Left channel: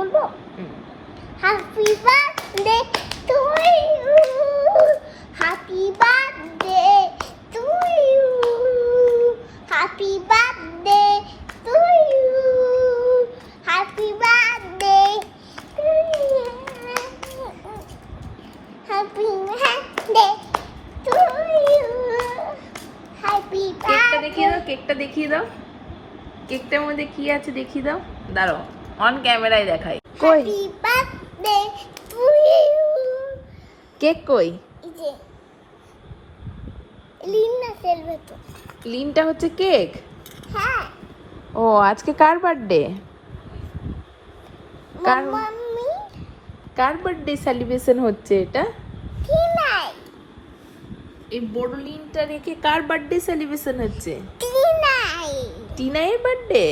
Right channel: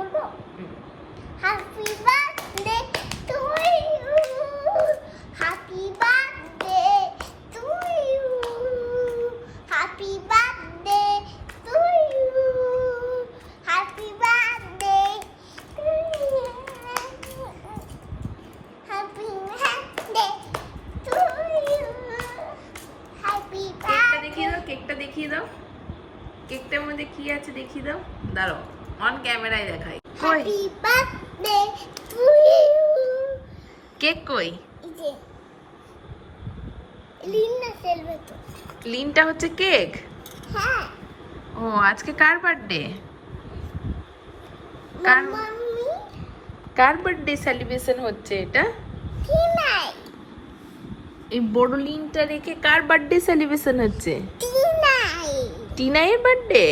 বলবো happy birthday to you happy birthday to you happy birthday to you happy birthday to you happy birthday to you happy কেকটা দেখিয়ে দাও কেকটার মধ্যে কি আছে দেখিয়ে দাও দাঁড়াও অন ক্যামেরায় দেখাই কই happy birthday to you cake কই এই যে লিনা সেলভেটো লিনটা হচ্ছে কেক হ্যাঁ ও আজকে কার বার্থডে কার মাম্মি কার বার্থডে সেলিব্রেশন হচ্ছে এটা টিনাই এই বড় লিনটা রেখে কার বার্থডে সেলিব্রেশন হচ্ছে টিনাই টিনাইয়ের বার্থডে